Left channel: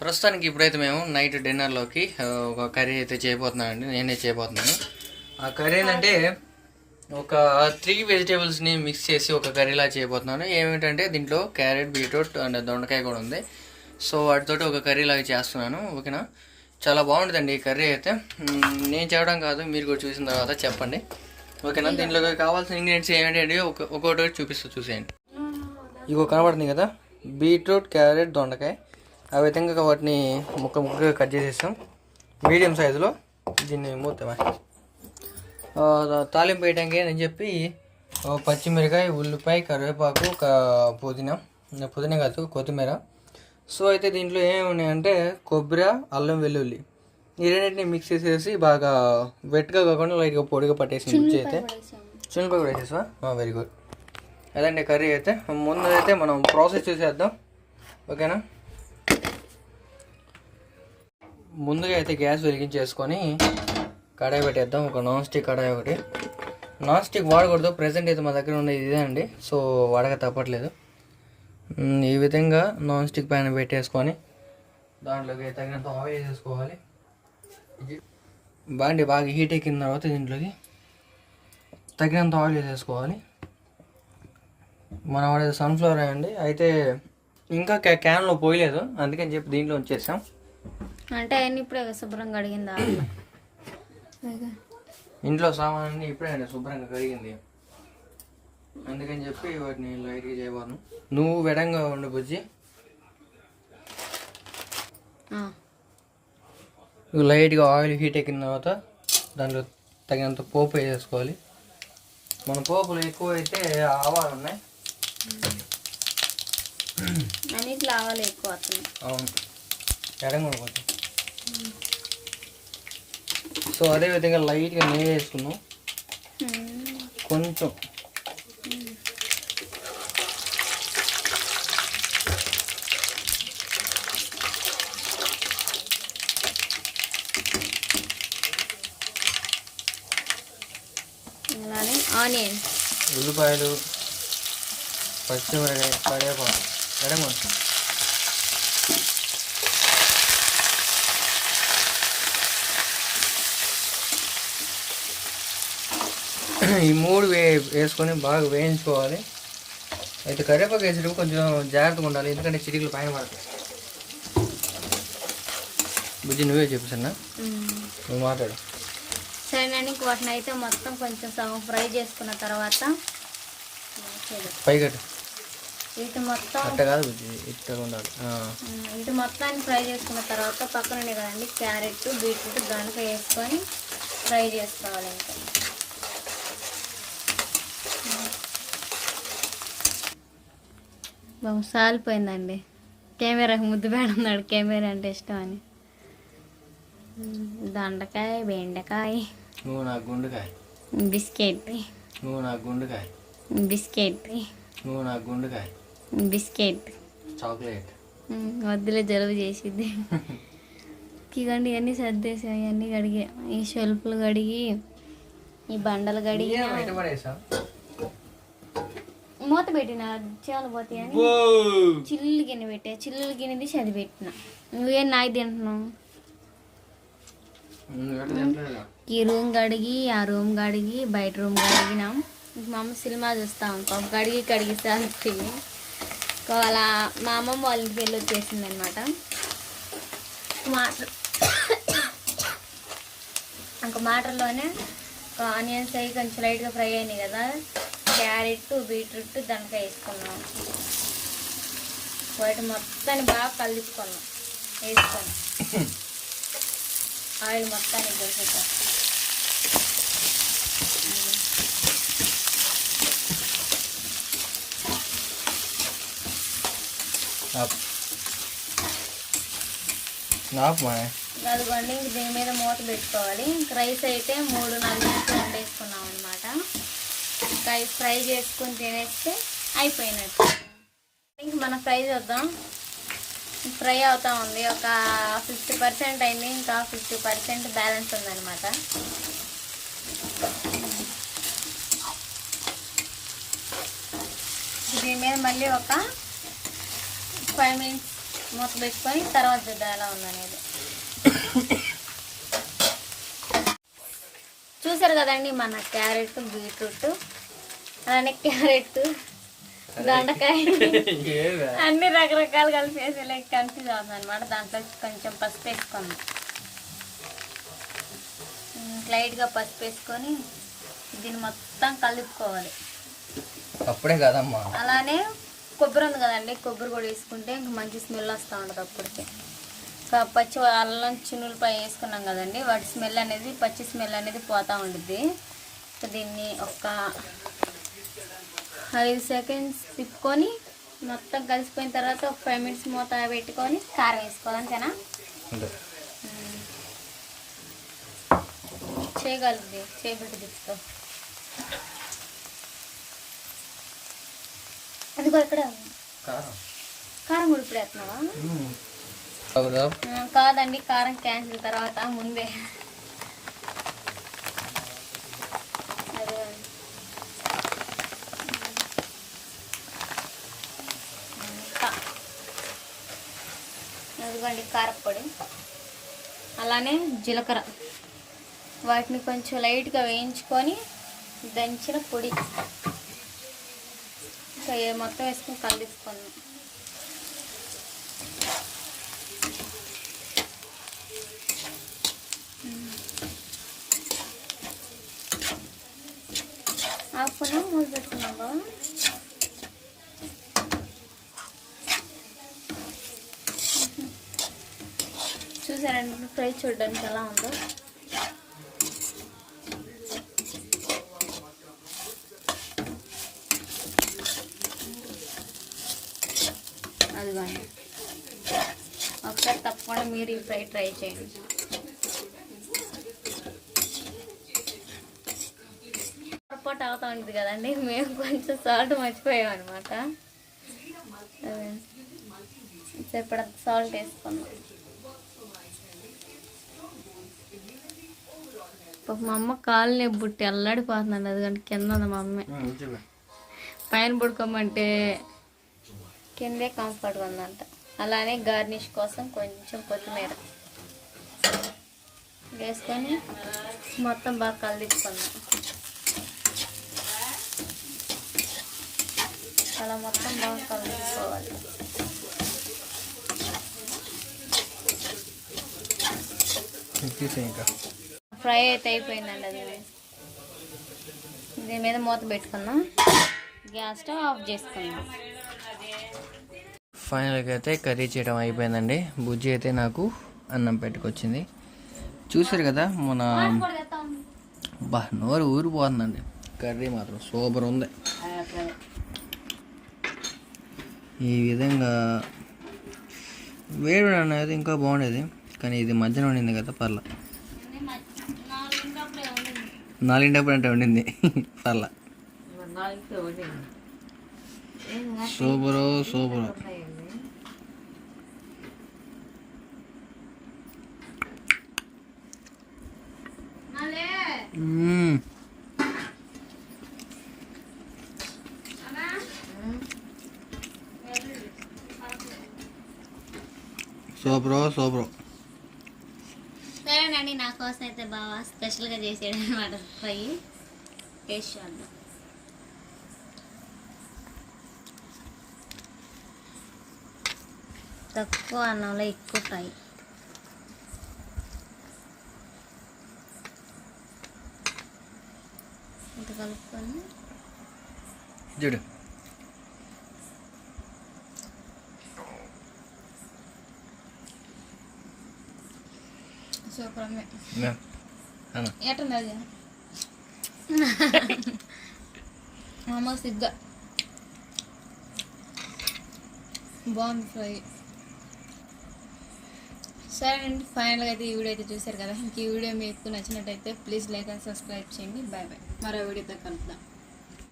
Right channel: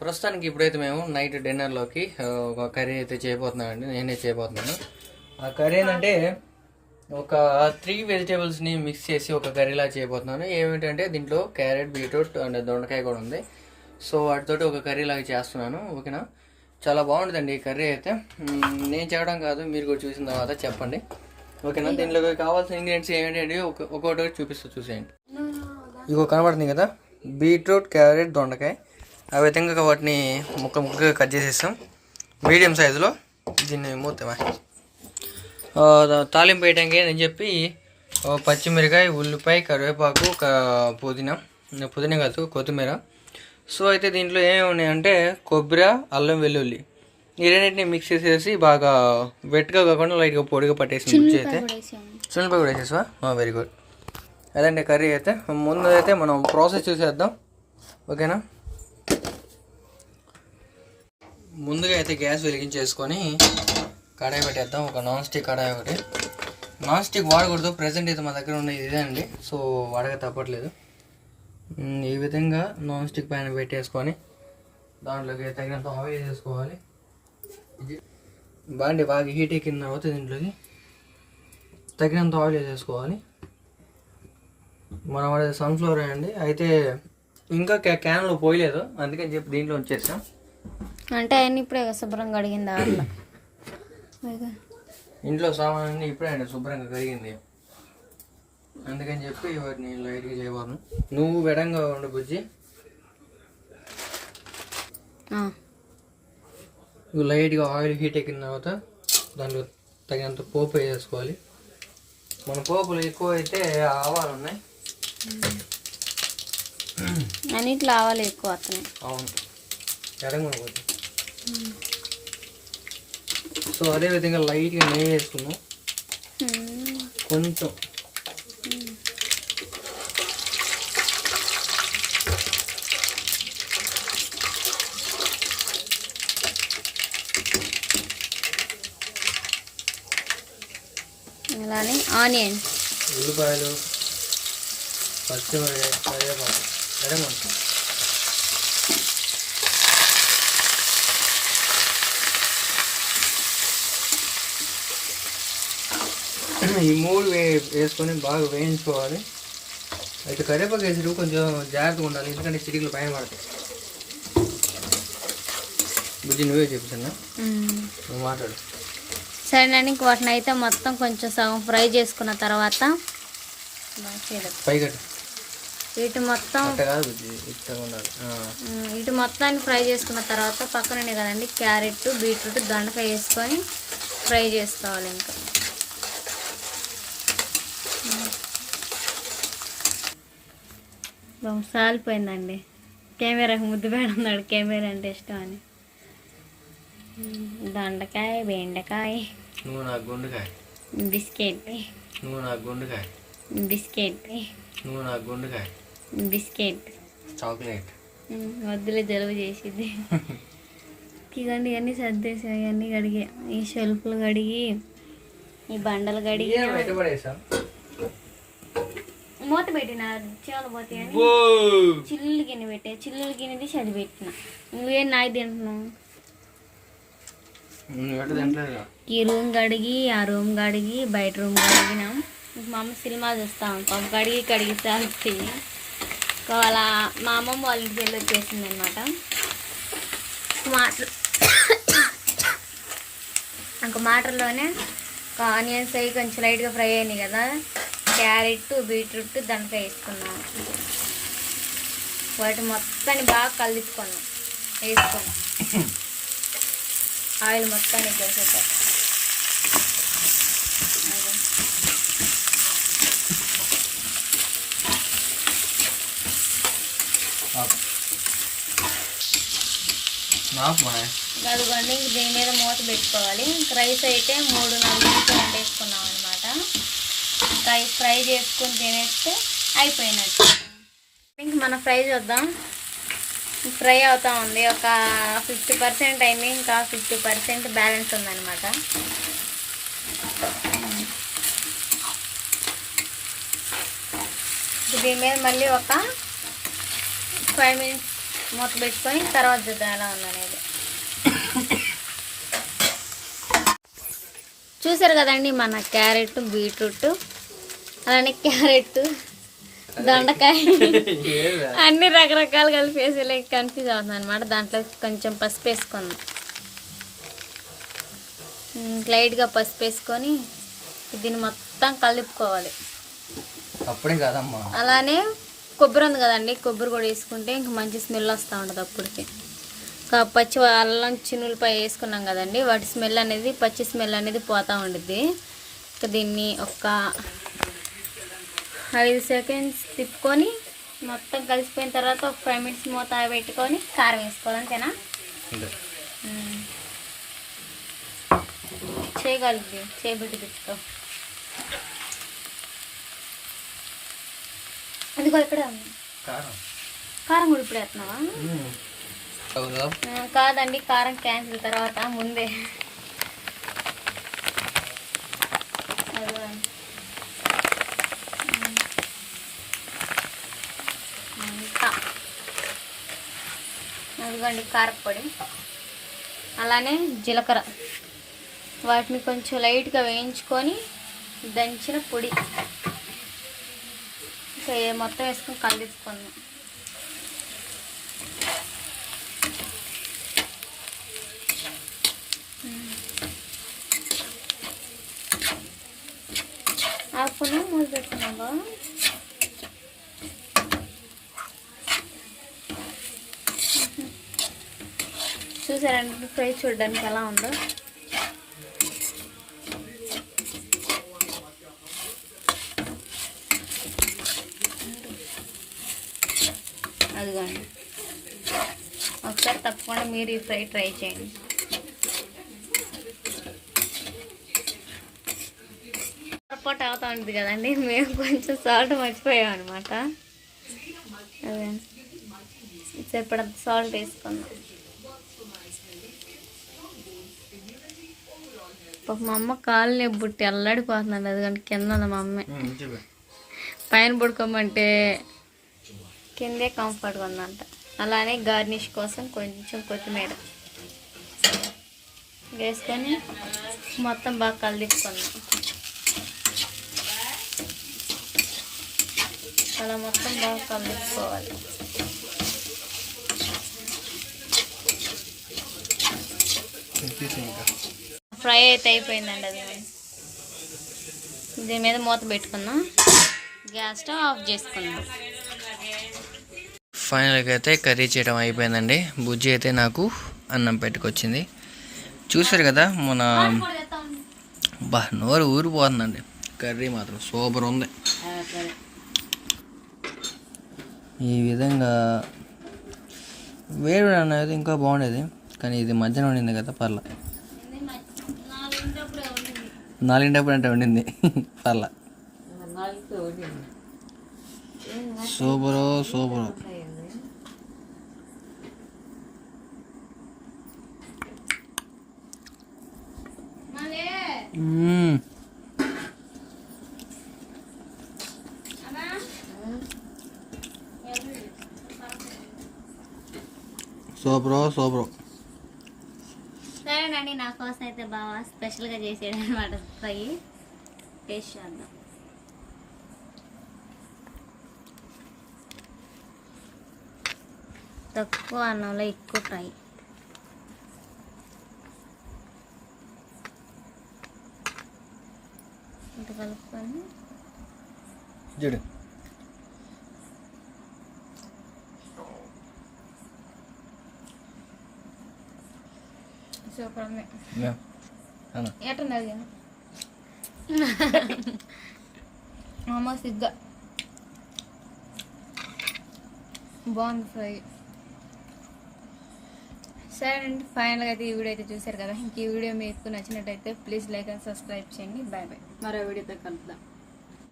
ప్రస్తుతానికి ఇప్పుడైతే మేము నైట్ డిన్నర్లోకి ఒక కర్రీ అయితే చేయబోతున్నానండి నేనే చేయబోతున్నాను. ఆ కర్రీ ఏంటంటే ఒక త్రీ వెజిటేబుల్స్ని మిక్స్ చేసి ఒక కర్రీలా చేయబోతున్నాను. ఏమిటంటే దీంట్లో క్యారెట్ బీట్రూట్ అండ్ దొండకాయ కూడా ఉంది. సో వాటితోటి ఒక కర్రీ లాగా చేస్తున్నాను ఓకేనా? చాలా బాగుంటుందండి ఈ కర్రీ అయితే. నేను చేయడం కాదు మీరు కూడా చూసిన తర్వాత చెప్పండి. ఓకేనా? దీంట్లో కావాల్సిన ఇంగ్రీడియంట్స్ ఏమిటంటే ఒక ఒక్కొక్కటి చూపిస్తూ చూసేయండి. ఇగో కనబడుతుంది కదా? బీట్రూట్ క్యారెట్ దొండకాయ. ఆ విధంగా వాటిని ముక్క ముక్కగా కట్ చేసేస్తాం. మీడియం సైజులో దీన్ని మూతమా ఆ, తాలింపు వేయడానికి అని చెప్పి పచ్చిమిరకాయ ఉల్లిపాయ కరివేపాకు పుదీనా పుదీనా కాదు కొత్తిమీర. సో అయితే దీంట్లో ఏమేమి ఉన్నాయంటే కొబ్బరి అల్లం వెల్లుల్లి. ఈ రెండింటిని మిక్స్ చేసేసి బాగా వెట్గా కాకుండా లైట్గా పొడిగా పట్టేసి మిక్స్ అయితే చునిపై కూడా వేసేసా వెరీ గుడ్ అదండి కర్రీ అయితే ముందు అయితే మనం ప్రాసెస్ చూసేద్దాం. ఓకేనా? ముందుగా అయితే గ్యాస్ వెలిగించేసుకొని కడాయి పెట్టేద్దాం. ఒక నాన్ స్టిక్ కడాయి ఒకటి. నాన్ స్టిక్ వాడకూడదు. ప్రజెంట్ అయితే మా దగ్గర ఉన్నది ఇదే అండి. సో వాడక తప్పట్లేదు. ఈ విధంగా నాన్ స్టిక్ పైన పెట్టేసుకొని దాంట్లోకి తగినంత ఆయిల్ వేసుకోవాలి ఇది- బాగా హీట్ ఎక్కిన తర్వాత దీంట్లోకి తగినంత ఆయిల్ వేసేసుకోవాలి. మనం వాడేది సన్ఫ్లవర్ అండి. అయితే ఇంకా క్యా- క్యాన్లో పోయలేదు. అందుకని చెప్పి దీంట్లో ఉంచేసాం. అంటే ఆయన ఇప్పుడే శుభ్రంగా అడిగిందా ఇంట్లో సామాన్ని ఇప్పుడే అండి శుభ్రంగా కరిగింది అందుకని చెప్పి వాటిని లైట్గా చేయబోను. నువ్వు విడంగా ఉండు బుజ్జి. లైట్గా ఆయిల్ హీట్ ఎక్కిన తర్వాత దాంట్లో తగినంత పోపు వేసేసుకోవాలి. మన పోపులు ఎక్కువ అయితే ఆవాలు ఉన్నాయి. అన్నిట్లో ఆవాలు ఎక్కువ అవును. ఎడంగా సో అదే విధంగా లైట్గా నెయ్యి వేసుకున్నాం. కొంచెం. ఆనియన్. ఉల్లిపాయలు పచ్చిమిరకాయ కరివేపాకు. ఎడంగా ఈ మూడు వే వేసుకొని బాగా వేయించుకోవాలి. అయితే కరివేపాకు వేసేటప్పుడు కొంచెం జాగ్రత్తగా ఉండాలి ఎందుకంటే చిటికలు పైన పడతాయి. బుజ్జి నువ్వే చెప్పిసన్నా నువ్వు మాట్లాడు. సరేనండి ఇంక వాటిని అయితే మొత్తం కొంచెం సగం ఫ్రై చేసుకున్న తర్వాత పైగట్టు వీటి మొత్తం వీటి మొత్తాన్ని ఫ్రై చేసుకున్న తర్వాత పక్కనే కదండి క్యారెట్ బీట్రూట్ దొండకాయ వేసుకొని ఫ్రై చేసుకోవాలి ఇంకా. బాబు సాలిపోయిందండి. కెమెరాకి ముద్దు పెడుతున్నాడు కెమెరా అంటే ఇష్టం అని. దొండకాయ బెండకాయ. నువ్వు నా గుండుకాయ. బిస్కెట్. నువ్వు నా గుండుకాయ. బిస్కెట్. నువ్వు నా గుండుకాయ. బిస్కెట్. చాక్లెట్. వద్దులే జలుబు చేసింది ఇవన్నీ ఇవన్నీ సర్దేసాం ఇవన్నీ కడిగి ఈ షెల్ఫ్లు కడిగి ఈ బండలు కడిగి మూత పెట్టిన చాలు పోతాయని చిల్లు గిన్నె పెట్టే చిల్లు గిన్నె తీసి అది పెట్టిన. నువ్వేం నాయి తింటున్నావు? ఈ రూమ్ కడిగి ఆ రూమ్ కడిగి బయట రూమ్ కడిగినాం. ఇంక మా అమ్మ సినిమా చూస్తాం పాప కడిగి కడిగి సాగుతాయి వాళ్ళ మా అమ్మమ్మ వాళ్ళ ఇంటికి వెళ్ళి వచ్చేసింది అనమాట మాటలు ఒక మాటల్లోనే ఒక ఆనియన్స్ అవి కొంచెం లైట్గా ఫ్రై అయినాయి కదా. క్యారెట్ బీట్రూట్ దాంట్లో వేసుకున్నాం. వాటి మొత్తాన్ని బాగా కలిపుకున్నాం వేసుకున్నాం. ఆయిల్ మొత్తానికి వేసేద్దాం నాకు మా అదిగోండి ఇంక దీని మీద మూత పెట్టుకోవాలి. ఇంక రైస్ అయితే మూడు నాలుగు వండేసుకున్నాం ఇంకా ఫ్రై చేసుకొని తినేస్తే అయిపోయినట్టు. ఇంక మన ఫ్రై చూద్దాం. ఫ్రై అవుతా ఉంది. ఒక ఫిఫ్టీ పర్సెంట్ అయింది. ఇంకా ఫిఫ్టీ పర్సెంట్ బ్యాలెన్స్ ఉందన్నమాట. దీని మీద మళ్ళీ ఒక ఫైవ్ మినిట్స్ మూత పెట్టుకొని తర్వాత చూద్దాం ఎలా ఉందనేది. చూసారు కదండి మన క్యారెట్ బీట్రూట్. అలానే క్యారెట్ దొండకాయ. అన్ని రకరకాలు కలిపి వేసేలా కన్ఫ్యూజ్ అవుతుంది అనమాట దాంట్లో కొంచెం పసుపు వేసుకుందాం. ఉమ్, లైట్గా పసుపు వేసుకొని దీన్ని మొత్తం కలుపుకోవాలి. అప్పుడే కదమ్మా. అలానే కొబ్బరి ఉంది కదండి కొబ్బరి కూడా వేసుకుంటే ఇంక మంచి స్మెల్ వస్తూ ఉంటుంది అప్పటికి. పచ్చి అల్లం చిన్నులపై వేసుకున్నాం కదండి వాటి స్మెల్ అనేది పచ్చి స్మెల్ అనేది పోతూ ఉండిద్ది. ఇంకా దీన్ని ఒక ఐదు సెకండ్స్ తిప్పుకొని మొత్తం కలిసిపోయిన తర్వాత ఒక ఫైవ్ మినిట్స్ మూత పెట్టుకొని కారం వేసుకోవాలి అంతేనా. చేయగలిగి చేయబెట్టి తిప్పుతాం అది కూడా ఇప్పుడే. కారం. కూడా ఇప్పుడు వేస్తున్నావా? కాదండి కారం క్యాన్సిల్ తర్వాత ముందే అదే. ఇంకా. అదిగోండి కారపొడి అలానే జీలకర్ర. వాటిని కొంచెం లైట్గా వేయించుకొని దంచిన పొడి. మొత్తం వేసుకొని కలిసుకుందాం ఆకును మూడు పెట్టుకున్నావా చూసారండి ఫ్రై చూడడానికి ఎలా ఉందో. అదిగోండి. ఒకసారి తప్పకుండా మీరు ఈ ఫ్రై ట్రై చేయండి. పొరపాటు అవుతా ఉంటుంది కదండి మేము కొంచెం సాల్ట్ మర్చిపోయాం అనమాట ఇప్పుడు సాల్ట్ వేసుకుందాం. పాప మా అమ్మ కాళ్ళు బుట్టి అల్లాడిపోతున్నాడు అది కానీ కింద ఉంది మా అమ్మ. పైన పడుకోమంటే కిందే కంఫర్ట్గా ఉందంట. అలానే గార్నిష్ కోసం కొంచెం కొత్తిమీర. వేసుకొని మొత్తం బాగా కలిపించుకుందాం అలా మొత్తం బాగా తీసేయ్ ఇంకా ఫ్రై అయితే అయిపోయిందండి అది దీని మీద మూత పెట్టుకుందాం. గ్యాస్ స్టవ్ ఆఫ్ చేసుకుందాం. ఫైనల్గా అయితే కర్రీ చేయడం అయిపోయిందండి. బుజ్జి అయితే నాకు అన్నం పెట్టుకొచ్చింది. చూసారు కదా మన బా నోరు ఊరిపోతుందండి. కర్రీ మాత్రం సూపర్ ఉంది. ఈ విధంగా వేడి అనేది ఇంకా బాగుండేది. కానీ ఇది మధ్యన ఉండింది కదా పర్లేదు నాలుగింటప్పుడు అంటే ఉండింది. పర్లా. Super super. సూపరో super super. కానీ నా కోసం అయితే బాగా స్పెషల్గా చేసాడు అనమాట ఫ్రై. టేస్ట్ చేద్దాం. తక్కువ అన్నంలో ఎక్కువ ఫ్రై. ఇంత కలుపుకొని చూడు. సూపర్ అమ్మే మ్యా. అన్న. ఎట్టుంది అది మా అమ్మ సిగ్గా. బాగుంది ఫ్రై. సరే అండి ఫైనల్గా అయితే ఈ వీడియో అయితే చూసారు కదా. ఇంక ఈ వీడియో మీకు నచ్చినట్టయితే ప్లీజ్ లైక్ అండ్ సబ్స్క్రైబ్ చేయండి. బాయ్ బాయ్ మరో వీడియోతో కలుద్దాం.